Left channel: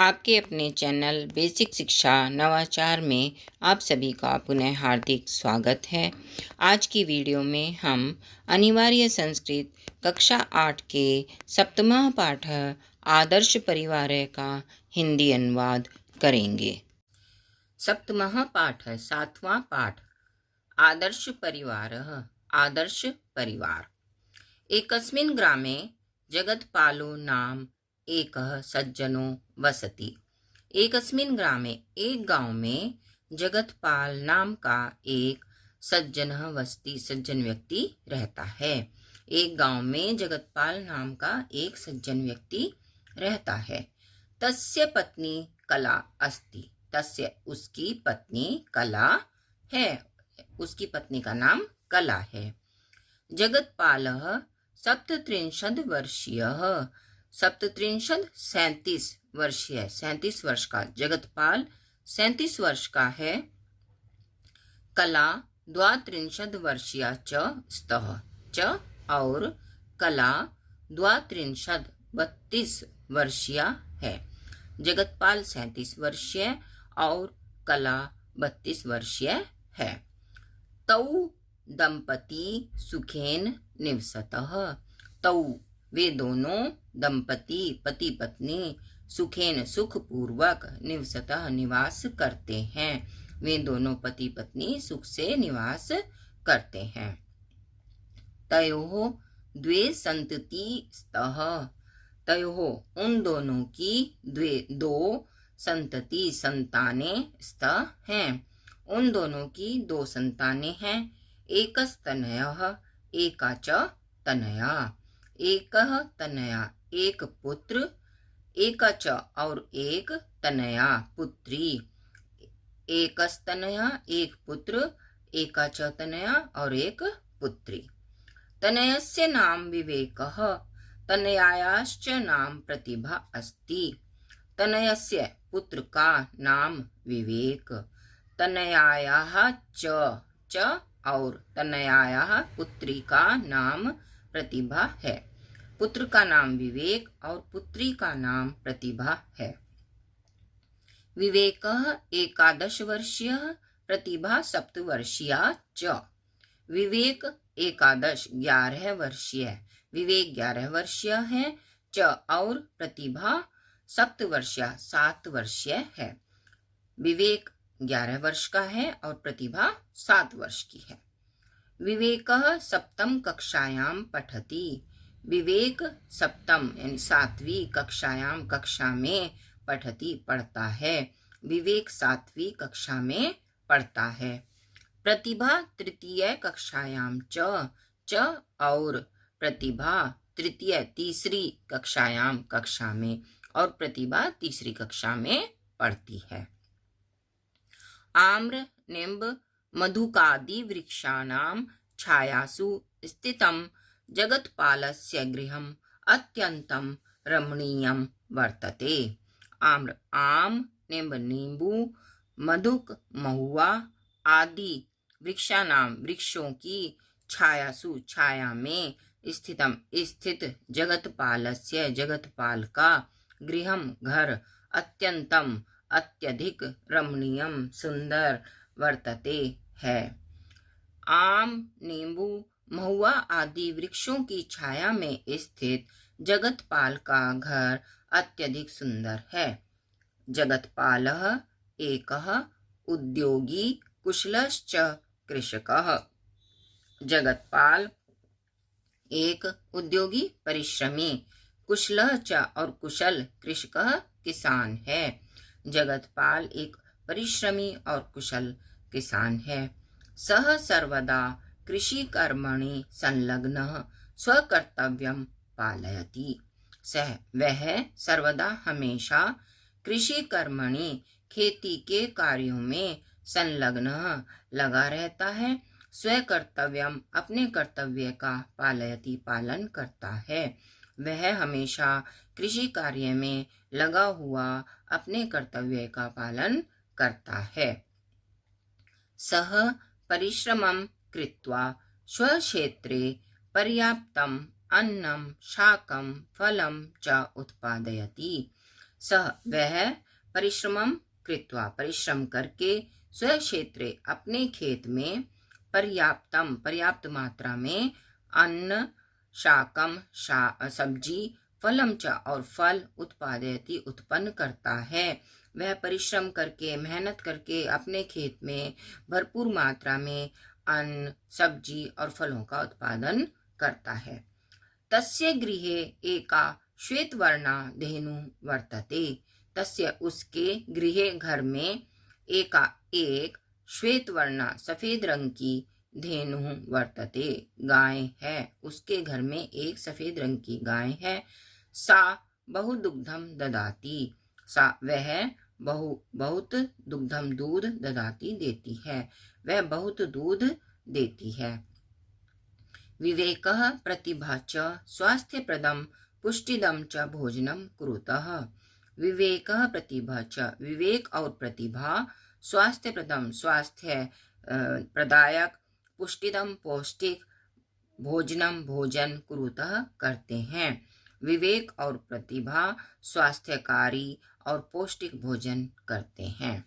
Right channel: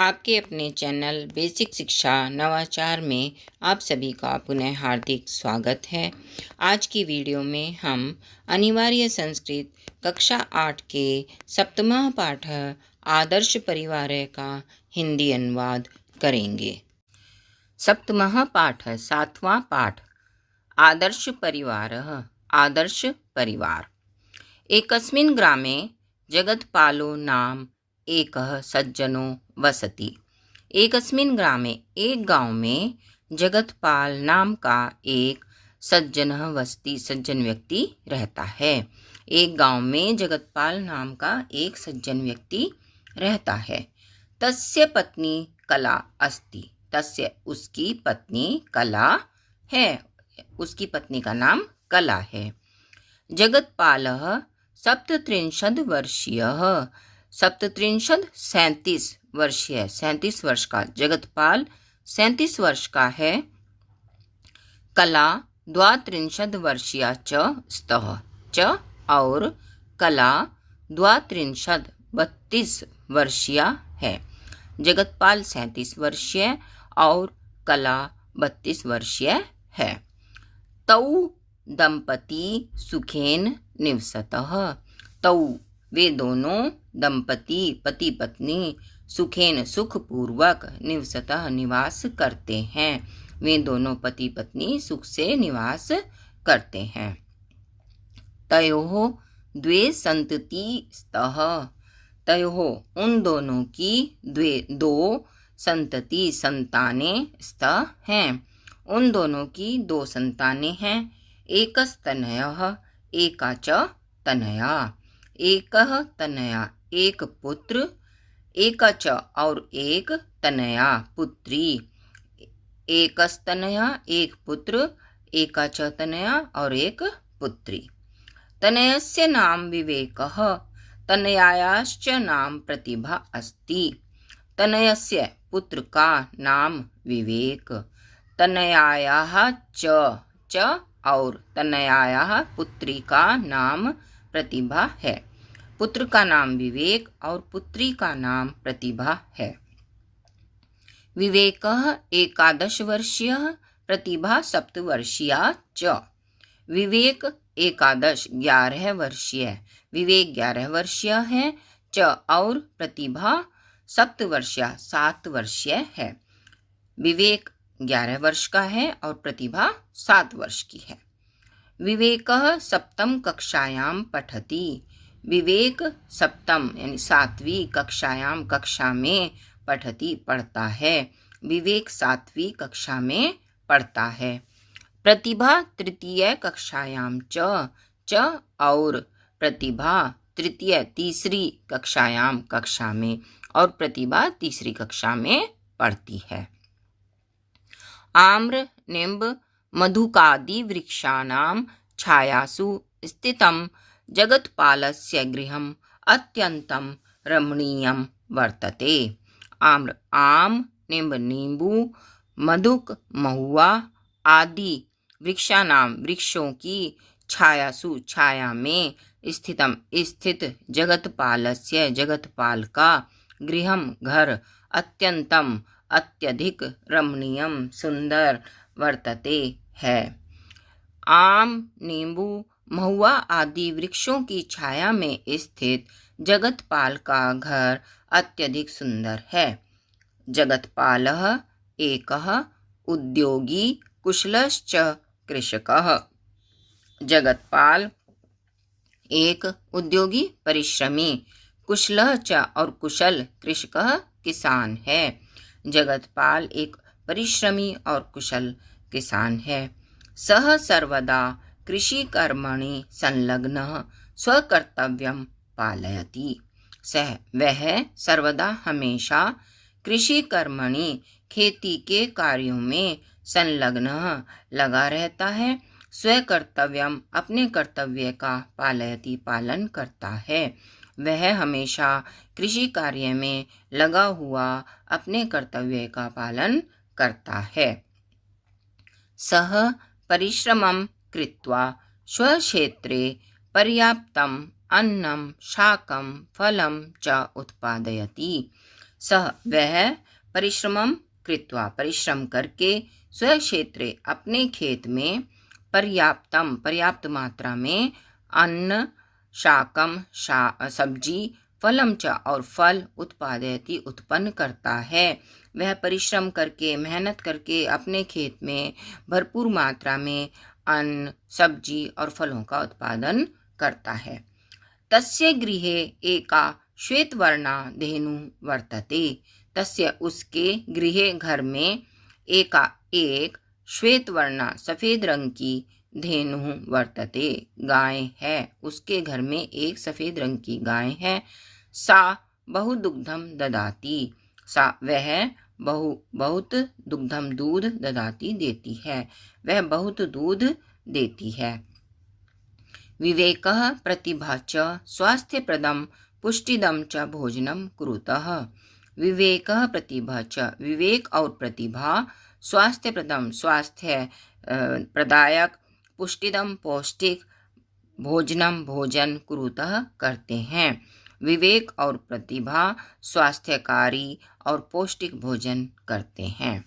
आपके अपने channel basic शिक्षा नवाचार में आप सभी का पुनः हार्दिक स्वागत है। आज की वीडियो में हम अनिवार्य संस्कृत कक्षा 8 के सप्तमः पाठ आदर्श परिवार का हिंदी अनुवाद करेंगे। सप्तमः पाठ सातवां पाठ आदर्श परिवार। आदर्श परिवार। एकस्मिन् ग्रामे जगत्पालो नाम एकः सज्जनो वसति। एकस्मिन् ग्रामे एक गांव में जगतपाल नाम का एक सज्जन वसति सज्जन व्यक्ति रहता है। एक गांव में जगतपाल नाम का एक सज्जन व्यक्ति रहता है। तस्य पत्नी कला अस्ति। तस्य उसकी पत्नी कला है। उसकी पत्नी का नाम कला है। जगत्पालः सप्तत्रिंशत् वर्षीयः। सप्तत्रिंशत् 37 वर्षीय 37 वर्ष का जगतपाल 37 वर्ष का है। कला 32 वर्षीया च स्तः च और कला 32 वर्षीया है। जगतपाल 37 वर्षीय और कला 32 वर्षीय है। तौ दंपति सुखेन निवसतः। तौ वे दोनों दंपति पति पत्नी सुखेन सुखपूर्वक निवसतः निवास करते हैं। वे दोनों पति पत्नी सुख से निवास करते हैं। तयोः द्वे सन्तति स्तः। तयोः उन दोनों की दो संतति संतानें स्तः हैं। उन दोनों की दो संतानें हैं। एकस्तनयः एका च तनया। एकः तनया एक पुत्र एका च और एक तनया पुत्री। एकस्तनया एक पुत्र एका च तनया और एक पुत्री। तनयस्य नाम विवेकः। तनयायाश्च नाम प्रतिभा अस्ति। तनयस्य पुत्र का नाम विवेक। तनयायाः च और तनयायाः पुत्री का नाम प्रतिभा है। पुत्र का नाम विवेक और पुत्री का नाम प्रतिभा है। विवेकः 11 वर्षीयः प्रतिभा 7 वर्षीया च। विवेक 11 वर्षीय विवेक 11 वर्षीय है च और प्रतिभा 7 वर्षीया 7 वर्षीय है। विवेक 11 वर्ष का है और प्रतिभा 7 वर्ष की है। विवेकः सप्तम कक्षायां पठति। विवेक सप्तम यानी 7वीं कक्षायां कक्षा में पठति पढ़ता है। विवेक 7वीं कक्षा में पढ़ता है। प्रतिभा तृतीय कक्षायां च और प्रतिभा तृतीय तीसरी कक्षायां कक्षा में और प्रतिभा तीसरी कक्षा में पढ़ती है। आम्र निम्ब मधुकादि वृक्षाणां छायासु स्थितं जगत्पालस्य गृहम् अत्यन्तं रमणीयं वर्तते। आम्र आम निम्ब नींबू मधुक महुआ आदि वृक्षाणां वृक्षों की छायासु छाया में स्थित जगत्पालस्य जगतपाल का गृहम् घर अत्यंतम अत्यधिक रमणीयम सुंदर वर्तते है। आम नींबू महुआ आदि वृक्षों की छाया में स्थित जगतपाल का घर अत्यधिक सुंदर है। जगतपालः एकः उद्योगी कुशलश्च कृषकः। जगतपाल एक उद्योगी परिश्रमी कुशलः च और कुशल कृषकः किसान है। जगतपाल एक परिश्रमी और कुशल किसान है। सः सर्वदा कृषि कर्मणि संलग्नः स्वकर्तव्यं पालयति। वह सर्वदा हमेशा कृषि कर्मणि खेती के कार्यों में संलग्न लगा रहता है। स्वकर्तव्यम अपने कर्तव्य का पालयति पालन करता है। वह हमेशा कृषि कार्य में लगा हुआ अपने कर्तव्य का पालन करता है। सः परिश्रमं कृत्वा स्वक्षेत्रे पर्याप्तम् अन्नं शाकं फलं च उत्पादयति। सः वह परिश्रमं कृत्वा परिश्रम करके स्वक्षेत्रे अपने खेत में पर्याप्त मात्रा में अन्न शाकम सब्जी फलम च और फल उत्पादयति उत्पन्न करता है। वह परिश्रम करके मेहनत करके अपने खेत में भरपूर मात्रा में अन्न सब्जी और फलों का उत्पादन करता है। तस्य गृहे एका श्वेतवर्णा धेनु वर्तते। तस्य उसके गृहे घर में एक श्वेतवर्णा सफेद रंग की धेनु वर्तते गाय है। उसके घर में एक सफेद रंग की गाय है। सा बहु दुग्धम ददाती। सा वह बहुत दुग्धम दूध ददाती देती है। वह बहुत दूध देती है। विवेकः प्रतिभा च स्वास्थ्यप्रदं पुष्टिदं च भोजनं कुरुतः। विवेकः प्रतिभा च विवेक और प्रतिभा स्वास्थ्यप्रदं स्वास्थ्य प्रदायक पुष्टिदम पौष्टिक भोजनम भोजन कुरुतः करते हैं। विवेक और प्रतिभा स्वास्थ्यकारी और पौष्टिक भोजन करते हैं।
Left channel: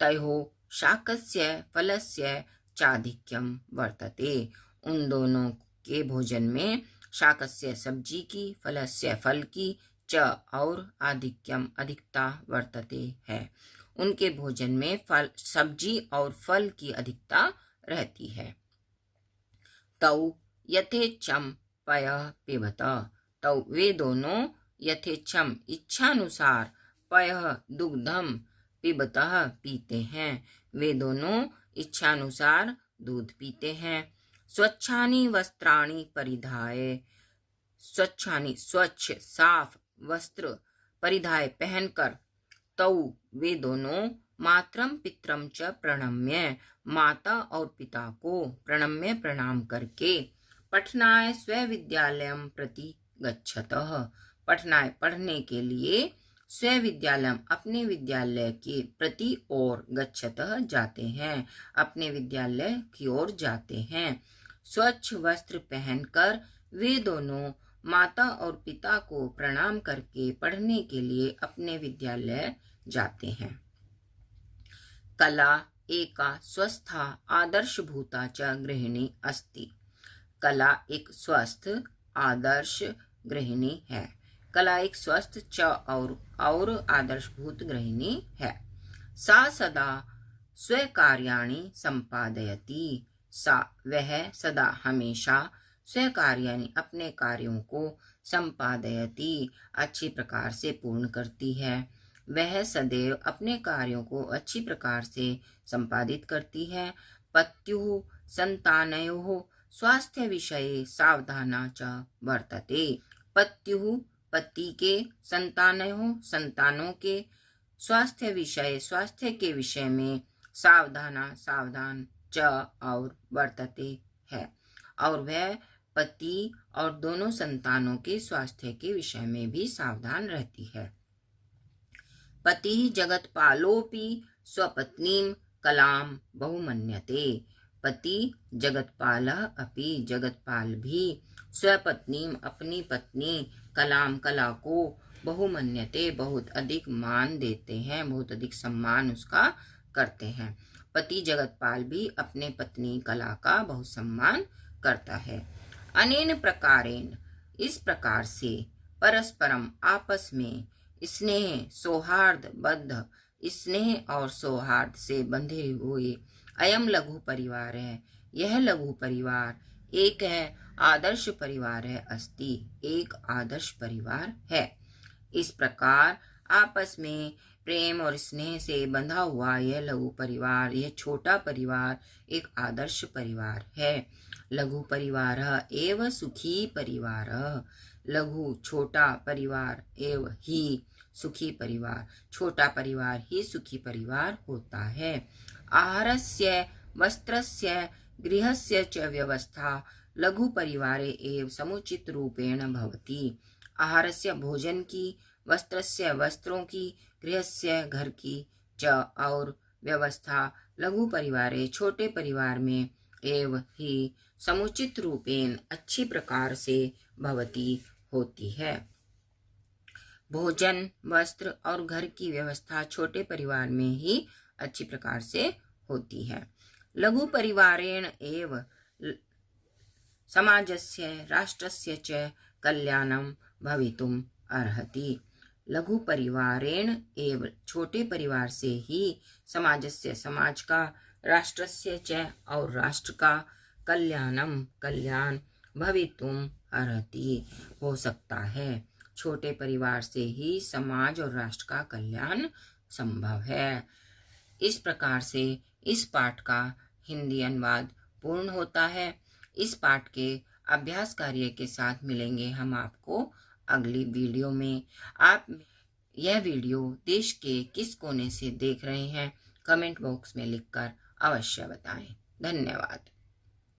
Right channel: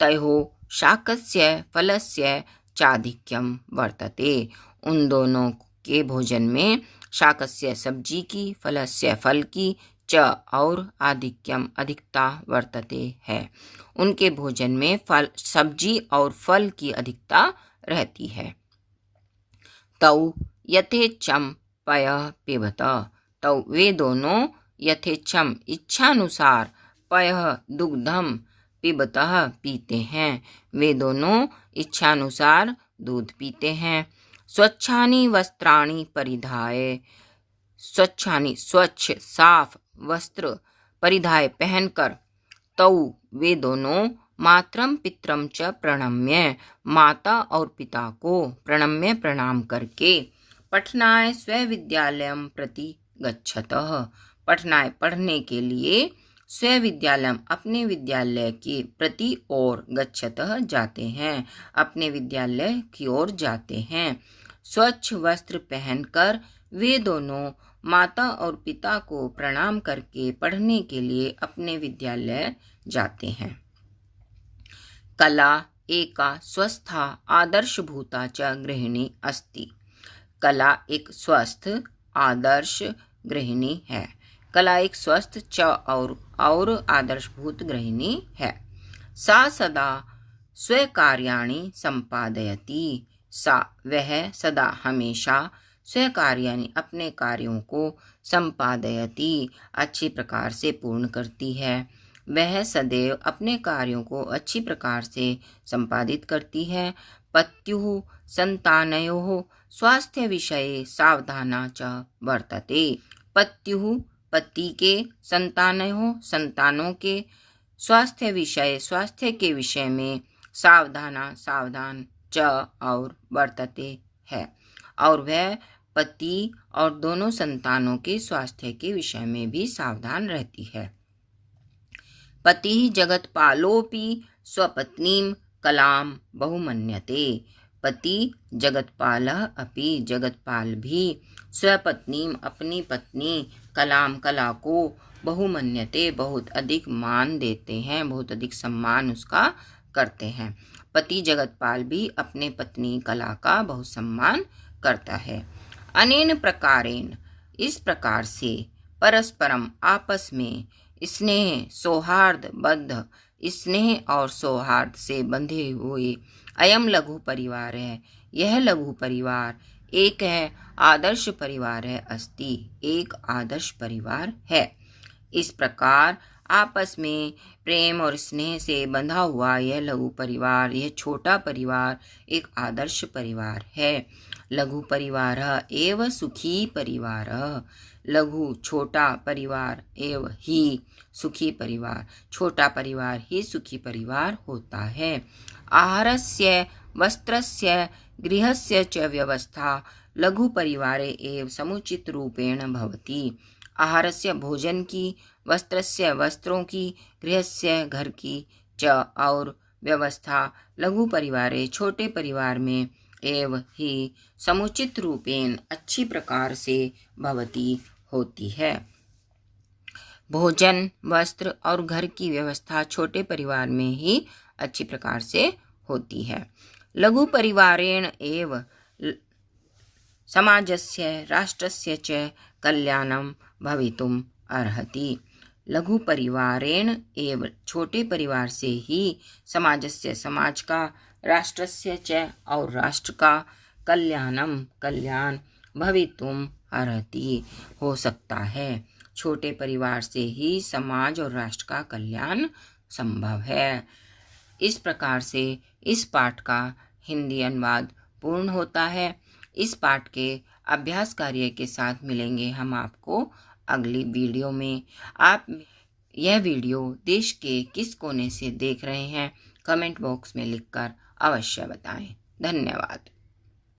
तयोः शाकस्य फलस्य चाधिक्यम वर्तते। उन दोनों के भोजन में शाकस्य सब्जी की फलस्य फल की च और आधिक्यम अधिकता वर्तते है। उनके भोजन में फल सब्जी और फल की अधिकता रहती है। तौ यथेच्छम पयः पिबत। तौ वे दोनों यथेच्छम इच्छानुसार पयः दुग्धम पिबतः पीते हैं। वे दोनों इच्छानुसार दूध पीते हैं। स्वच्छानि वस्त्राणि परिधाय। स्वच्छानि स्वच्छ साफ वस्त्र परिधाय पहनकर। तौ वे दोनों मातरम पितरम च प्रणम्य माता और पिता को प्रणम्य प्रणाम करके पठनाय स्वविद्यालयम प्रति गच्छतः। पठनाय पढ़ने के लिए स्वविद्यालयम अपने विद्यालय के प्रति ओर गच्छतः जाते हैं। अपने विद्यालय की ओर जाते हैं। स्वच्छ वस्त्र पहनकर वे दोनों माता और पिता को प्रणाम करके पढ़ने के लिए अपने विद्यालय जाते हैं। कला एका स्वस्था आदर्शभूता च गृहिणी अस्ति। कला एक स्वस्थ आदर्श गृहिणी है। कला एक स्वस्थ च और आदर्शभूत गृहिणी है। सा सदा स्वकार्याणि संपादयति। सा वह सदा हमेशा स्वकार्याणि अपने कार्यों को संपादयति अच्छी प्रकार से पूर्ण करती है। वह सदैव अपने कार्यों को अच्छी प्रकार से संपादित करती है। पत्युः संतानयोः स्वास्थ्य विषये सावधाना च वर्तते। पत्युः पति के संतानयोः संतानों के स्वास्थ्य के विषय में सावधान च और वर्तते है और वह पति और दोनों संतानों के स्वास्थ्य के विषय में भी सावधान रहती है। पति जगत्पालोऽपि स्वपत्नीं कलां बहुमन्यते। पति जगत्पालः अपि जगत्पाल भी स्वपत्नीं अपनी पत्नी कलां कला को बहुमन्यते बहुत अधिक मान देते हैं, बहुत अधिक सम्मान उसका करते हैं। पति जगतपाल भी अपने पत्नी कला का बहुत सम्मान करता है। अनेन प्रकारेण इस प्रकार से परस्परम आपस में स्नेह सौहार्द बद्ध स्नेह और सौहार्द से बंधे हुए अयम लघु परिवार है। यह लघु परिवार एक है आदर्श परिवार है। अस्ति एक आदर्श परिवार है। इस प्रकार आपस में प्रेम और स्नेह से बंधा हुआ यह लघु परिवार यह छोटा परिवार एक आदर्श परिवार है। लघु परिवार एव सुखी परिवार। लघु छोटा परिवार एव ही सुखी परिवार छोटा परिवार ही सुखी परिवार होता है। आहारस्य वस्त्रस्य गृहस्य च व्यवस्था लघु परिवारे एव समुचित रूपेण भवति। आहारस्य भोजन की वस्त्रस्य वस्त्रों की गृहस्य घर की च और व्यवस्था लघु परिवारे छोटे परिवार में एव ही समुचित रूपेण अच्छी प्रकार से भवती होती है। भोजन, वस्त्र और घर की व्यवस्था छोटे परिवार में ही अच्छी प्रकार से होती है। लघु परिवारेण एव समाजस्य राष्ट्रस्य च कल्याणं भवितुम् अर्हति। लघु परिवारेण एव छोटे परिवार से ही समाजस्य समाज का, राष्ट्रस्य च और राष्ट्र का, कल्याण भवितुम् अर्हति हो सकता है। छोटे परिवार से ही समाज और राष्ट्र का कल्याण संभव है। इस प्रकार से इस पाठ का हिंदी अनुवाद पूर्ण होता है। इस पाठ के अभ्यास कार्य के साथ मिलेंगे हम आपको अगली वीडियो में। आप यह वीडियो देश के किस कोने से देख रहे हैं, कमेंट बॉक्स में लिखकर अवश्य बताएं। धन्यवाद।